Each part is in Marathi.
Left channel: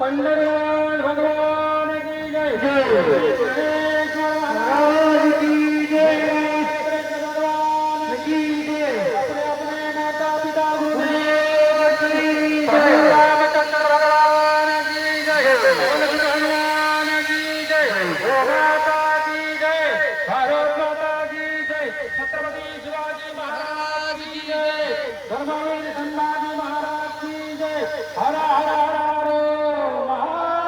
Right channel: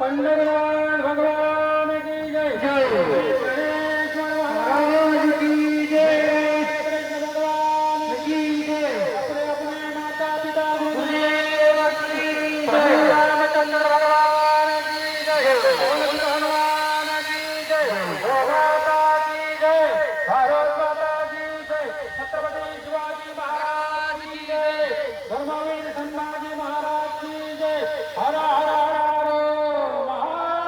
पंडरनाथ भगवान की जय। गणेश महाराज की जय। कृष्ण भगवान की जय। अपने अपने माता पिता गुरुदेव की जय। रामचंद्र भगवान की जय। तुलसी भगवान की जय। गोमाता की जय। भारत माता की जय। छत्रपति शिवाजी महाराज की जय। धर्मवीर संभाजी महाराज की जय। हर हर हर हर महादेव।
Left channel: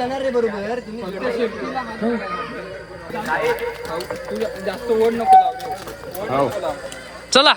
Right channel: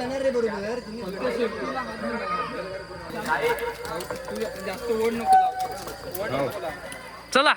येणार रे बरोबर जास्त ओढ नको चला